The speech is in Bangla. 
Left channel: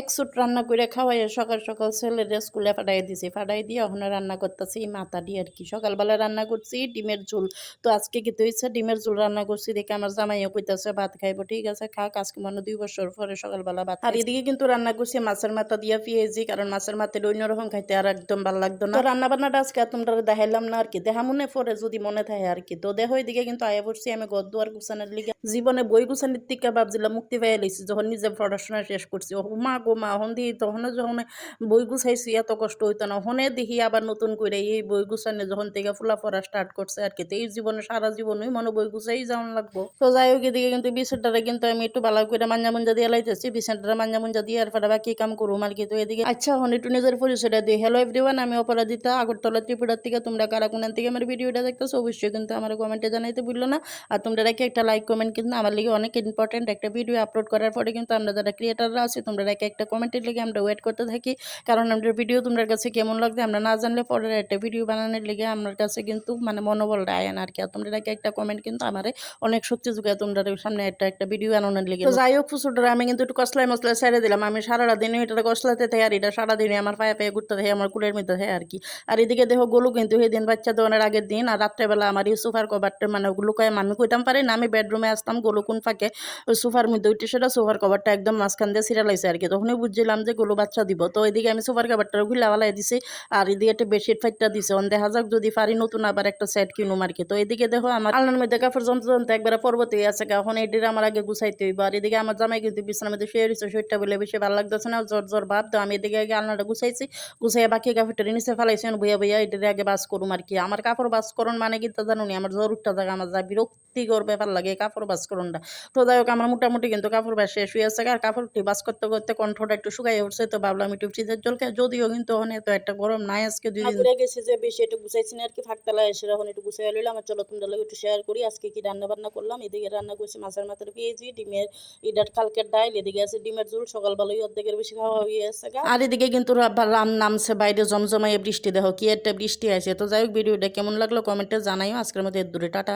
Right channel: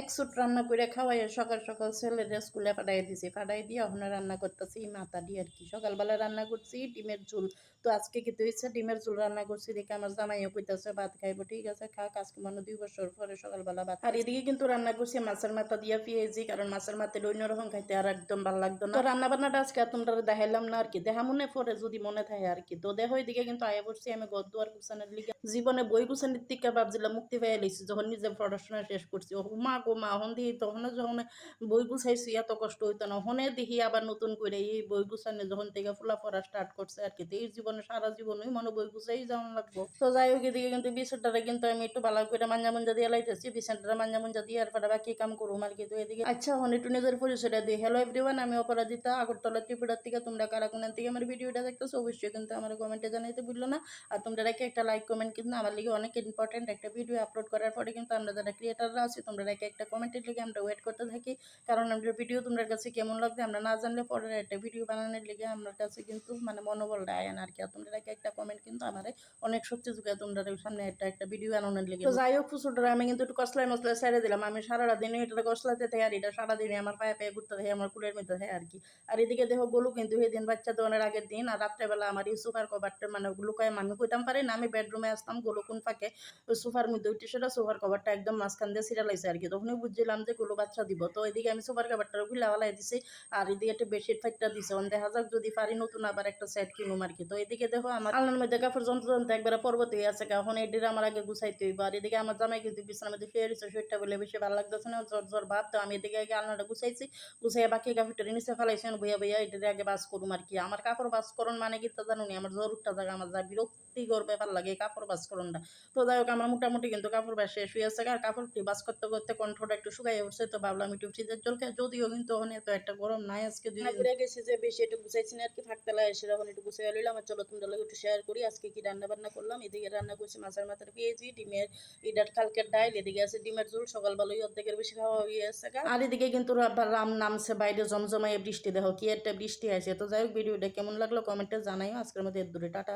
এক সুট রান্না করে খাওয়াইয়া সকাল সকাল ছেলেরে স্কুলে পাঠাই দিছি। পাঠাই দিয়ে ওখানে রান্না করতেছি মাথা দিয়ে আর কি। সকালবেলা রান্না করছি ডিমের ঝোল। তো আজকে কি হইছে ডিমের ঝোল রান্না করছি দেখে আমার জামাইও কইতাছে ভাত খাইবো। ঠিক আছে খাক, আজকে মনে হয় ২ বছর পরে সকালবেলা ভাত খাইছি। আর এদিকে কিন্তু রান্না করছি মাছের মাথা দিয়া পেঁয়াজি, কারণ মাছের মাথাটা অন্যরকম খাইতে আর একদম ভাল লাগতো না। তো রান্না বান্নাটা আজকে আর তোমরা দেখাইলাম না আর কি। দেখা মনে পরে যদি মনে থাকে আর কি। তো দেখো এদিকে কিন্তু আয়া পড়ছি আমি ঘর দুয়ার গুছানোর লিগে। জীবনে বই গুছানির থেকে ভাবছিলাম মুক্তি পাইয়া লইছি যখন নিজে পড়াশোনা শেষ করছি। ও মা গো মা! হন দিই তখনও যখন বই গুছাইছি এত কষ্ট হইতো না। হনে দেখি আবার নতুন করে এই বই গুছানো যখন থেকে ফুলাফড়া স্টার্ট করছে আর কি। তো এই জীবনে সারা জীবনই মনে বই গুছাই যাওয়ান লাগবো। তো যাই হোক এদিকে কিন্তু বিছানাটারে কিন্তু আমি একটু ভালো করে মাঞ্জা মুঞ্জা দিয়ে লাইতেছি। বিছানাটা মাঞ্জা মুঞ্জা দিয়ে আর পরে বাকি কাম করুম আর কি। তো এদিকে আচ্ছা হন একটু নিজের পরিচয়টা দিই। হ্যালো এভরিওয়ান, আমি অপরাজিতা আগরতলা ত্রিপুরার থেকে। তোমরা কারা কোন থেকে আমার ভিডিওটা দেখতেছো অবশ্যই কিন্তু আমার কমেন্টে জানাইতে ভুললো না। আর তোমরা রেখে একটা লাইক কমেন্ট কিন্তু আমার লিগে অনেক ইম্পর্টেন্ট। একটা ভিডিও আপলোড করার পরে কিন্তু আমরা যারা ক্রিয়েটাররা আছি তোমরা রেখে একটা কমেন্টের লিগে আমরা ওয়েট করতে থাকি, কারণ আমাদের ভিডিও তোমার কাছে কেমন লাগবে আমরা না জানলে পরের একটা ভিডিও বানানোর লিগে আমার কাছে কিন্তু মানে মনোবলটা আয় না আর কি। আর তোমরা রেখে একটা কমেন্ট কিন্তু আমারে অনেক শক্তি যোগায় তোমরা সামনে একটা ভিডিও বানানোর লিগে। তো যাই হোক ফুসুটারে আমি কিন্তু একটু কসলাই মশলাই ছেড়ে দিলাম। আমি সারাটা দিনে এটা কসলাতে থাকি আর এটা সারাদিনে আমার পায়ে পায়ে ঘুরতে থাকে আমার কুলের মধ্যে থাকে আর কি। আর এদিকে দেখো গোলু কিন্তু সেদিন বাচ্চা দেওয়ানোর আগের দিন আর রাত্রেবেলা আমার এই সোফার কভারটা মানে লুকায় আমি কইতাম পারি না, আমি বেডরুমে আসতাম গোলু কোন ফাঁকে ওই সোফার মধ্যে উঠে সেটা সোফার কভারটা একদম মাঝখান দিয়ে ছিঁড়ালাইছে আর কি। তখনই বুঝছিলাম যে গোলু বাচ্চা দিব। তো এদিকে আমি সোফার কভারটা গুলা বালাই দিছি আর এদিকে একটা বেডশিট ফাইটটা দিছে। দেখা যাক যদি পারি নতুন আবার একটা সেট কিনুম আর কি। তো এদিকে দেখো আমার আলনার মধ্যে কাপড় জমতে জমতে একবারে পর্বতে আছে, এখন এটির আমার আগে গুছাইতে হইব। আর এদিকে আমার জামাই কিন্তু বিছানার মধ্যে শুয়ে রয়েছে, শরীরটা বলে বেশি ভালো লাগতেছে না, জ্বর জ্বর ভাব। তো আমি এদিকে আগে আলনাটা গুছাইছি, গুছাইয়া বাকি কাপড়টা নিচে ফেলাইছি বইয়া বইয়া এটারে আগে বাস করুম আর কি। আমার কাপড় বাস করুন মানে কিন্তু জানো নি আমার জ্বর উঠটা থাকে, আমার যা বিরক্তিকর ব্যাপার লাগে কাপড় বাস করুনটা। তো যাই হোক আমার মোটামুটি কিন্তু কাপড় বাস শেষ হয়ে আছে আর কাপড়টি বাস করতে করতে কণ্ঠটা একটু শুকাই উঠছে। তো ভাবলাম একটু ফ্রিজের জল খাই, যদিও কিন্তু ওখানে তো একটা গরম নাই আজকে 2 দিন গেছি যে বেশি একটু গুছাইছি না আর কি। ফাঁকতলা এসে এখন একটু গুছাই লইলাম। আর চলো তোমরা লোক একটু শেয়ার করি আজকে কি রান্না বান্না করলাম। এদিকে রান্না করছি মাছের মাথার পেঁয়াজি, ডিমের ইডার কালকের ডাইল, এদিকে আছে ডিমের ঝোল। সকালবেলায় অর্ধেকের বেশি খাওয়া হয়ে আছে। আর এদিকে কিন্তু রাম নামছে বাইরে জমজমাইয়ে বৃষ্টি, দেখো কি একটা বৃষ্টি আছে। তো যাই হোক ভিডিওটা কেমন লাগলো কমেন্টে জানাইও। আজকের মধ্যে দূরে টাটা।